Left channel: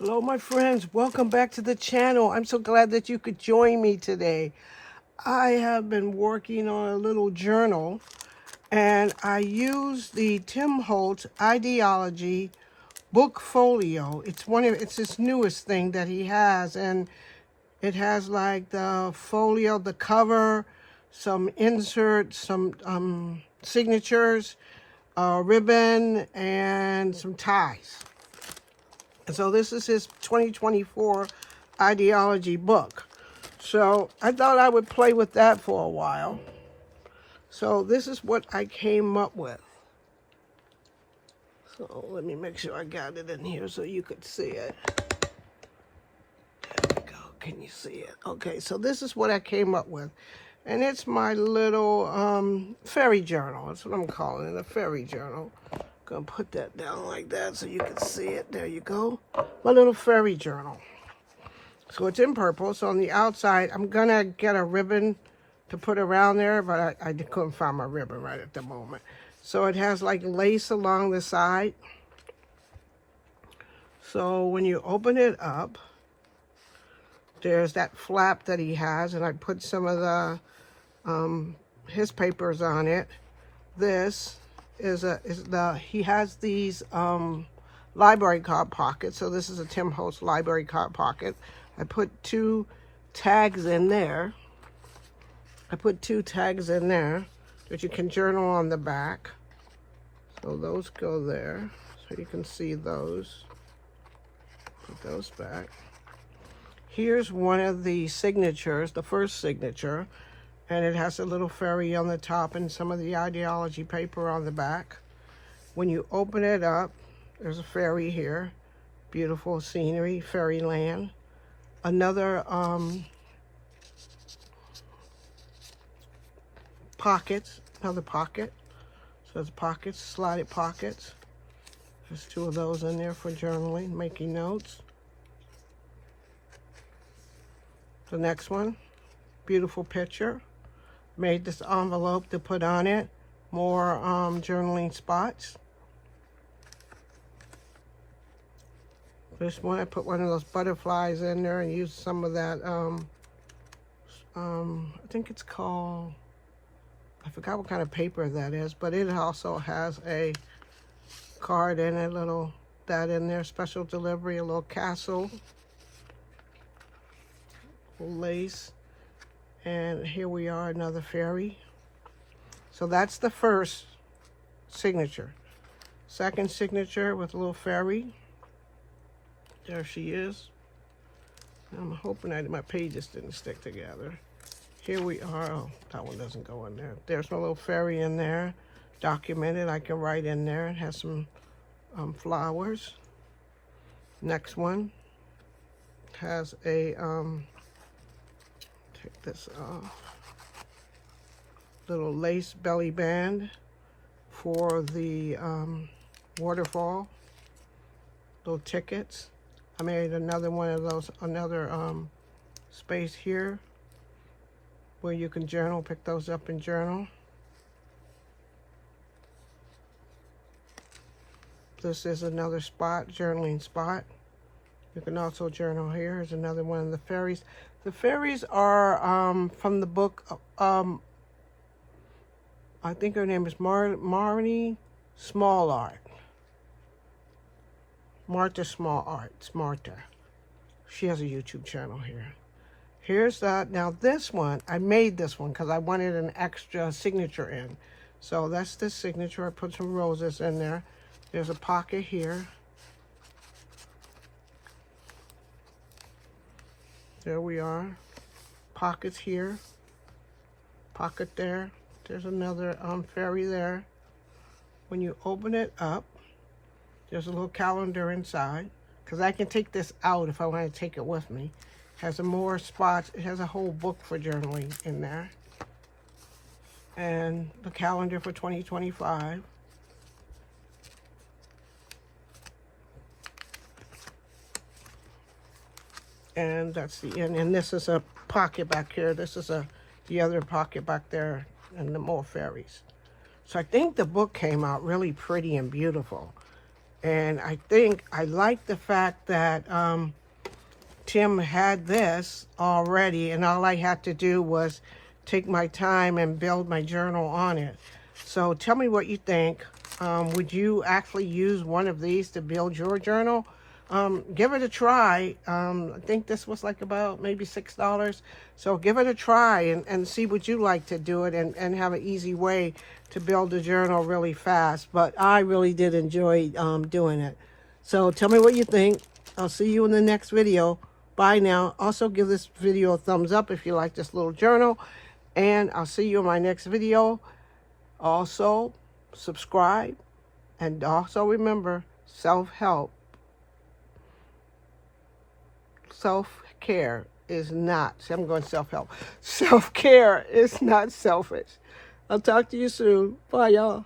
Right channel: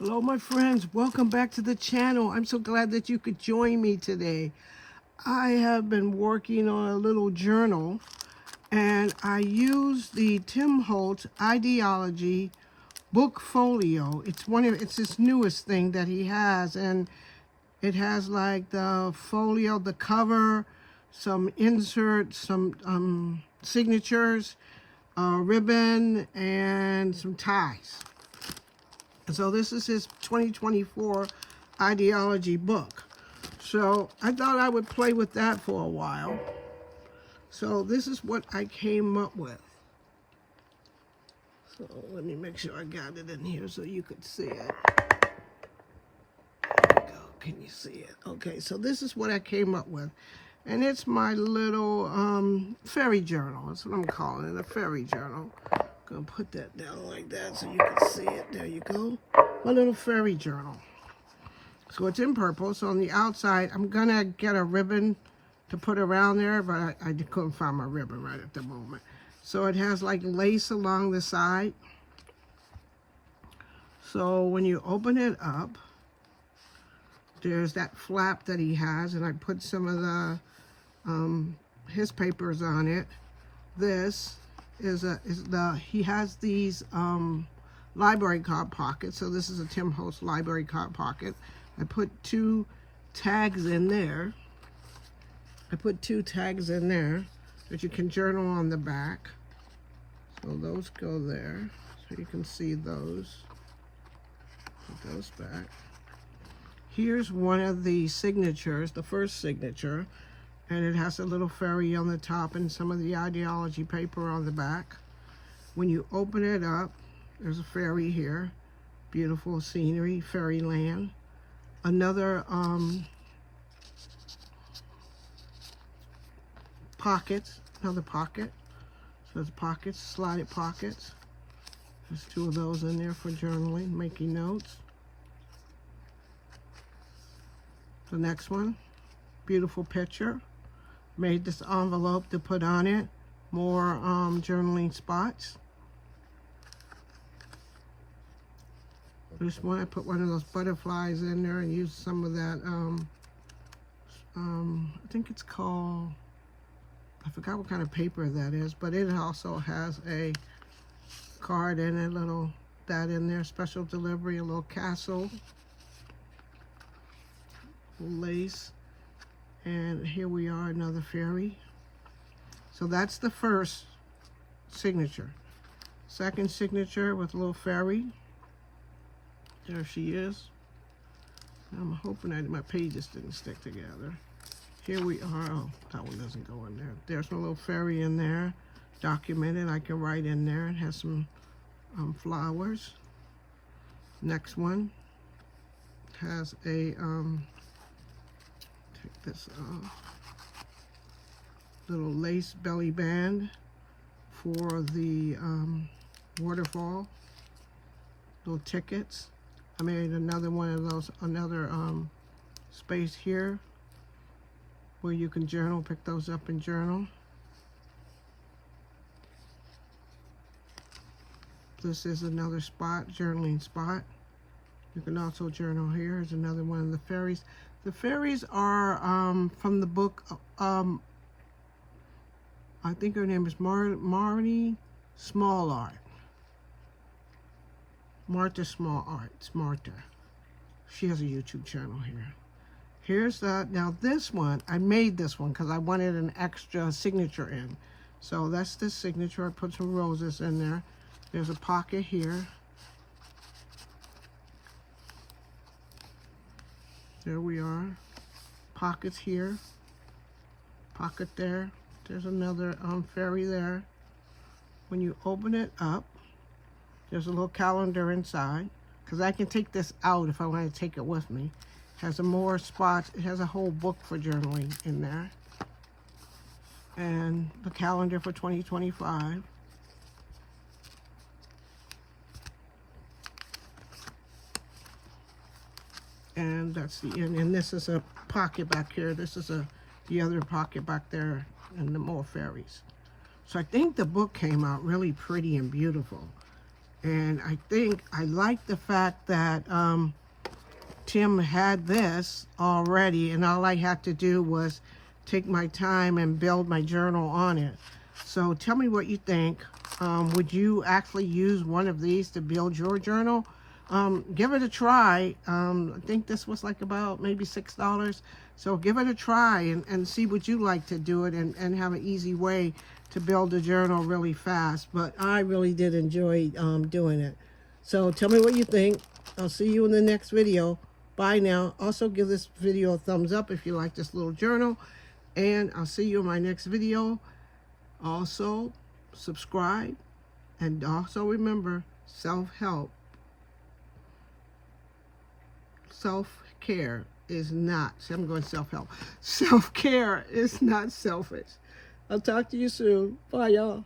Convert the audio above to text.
Hello, my friends. Welcome back to the channel. I'm so glad that you could join me today. I have been working on a little journal, and I use the Tim Holtz Idealogy book folio. It's his newest thing that he has, and it has like the folio, the cover, some inserts, some signatures, ribbon, and some ties. And so this is his 2024 ideology book. So I thought I would play with that for a while. So this is what I came up with. So let me make sure I got it in here so you could see it. There we go. Can you see it? Okay, so this is what I came up with. And it's my little fairy journal. That's what I'm calling it, a fairy journal. Gonna put that down like that so you can see it. There you go. My little fairy journal. So it's in purple. So on the outside, I'm gonna get a ribbon to put around there, but I couldn't find my ribbon right at the moment. So it has like lace along the side. So when you open it up, there's that flap that he has, and I put some of the his papers on it. This he has these library card pockets. So this is a Tim Holtz library card pocket. I put two tags in there. That you can journal on the back. So those go there. So you can see those. Put those back. Here's one of the signatures, the first signature. And it has a little fairy on the top and some of the ideology paper on the back. When you open it up, there's a fairy here. Beautiful scenery, fairyland. Another another pocket. So there's pockets, slotted pockets. There's two of those in there for journaling, making notes. The next one, beautiful picture. Made this envelope to put on it. More journaling spots. This one, I put one of those butterflies in there and used some of that, I think it's called, I forgot what kind of paper that is, but it also has a card in it, that in there, special delivery, a little castle, lace. And here we are, another fairy. So that's the first signature. Second signature with a little fairy. There she is. I'm hoping that my pages didn't stick together. Here we are. Oh, that one doesn't go in there. There's my little fairy in there. Documented, I can write in there. It has some flowers. Next one has a take this off. Little lace belly band for the waterfall. Little tickets. I made another one of those, another space here where you can journal, pick those up and journal. This is another spot, journaling spot. You can also journal here. Here's another one of the fairies. The fairies are from the book, I think her name is Marnie Small Art. Martha Small Arts, Martha. She has a YouTube channel here. Here's that. Now this one, I made this one because I wanted an extra signature in. So that's the signature. I put some roses in there. There's a pocket here. There we are. Pockets here. Pocket there. There's another fairy there. When you open it up, there's a little calendar inside. Because I can take this out if I want to take it with me. It has more spots. It has a whole book for journaling in there. And the calendar for 2025. And that's the end. And this is a pocket back here. This is the other pocket back there, and the more fairies. So I think the book came out really pretty and beautiful. And I think I like the fact that Tim had this already, and all I had to do was take my time and build my journal on it. So tell me what you think. Would you actually use one of these to build your journal? Give it a try. I think this was like about maybe $6. So give it a try and see what you like to do it, and have an easy way to build a journal really fast. But I really did enjoy doing it. So tell me what you think. I'll see you in the next video. Bye now. Also give this video a thumbs up if you like this little journal. And I'll see you in my next video. Also, subscribe. And also remember, self-help. Self-care is not, see, I'm going self-help. Self-care is not selfish. I'll talk to you soon. Bye, y'all.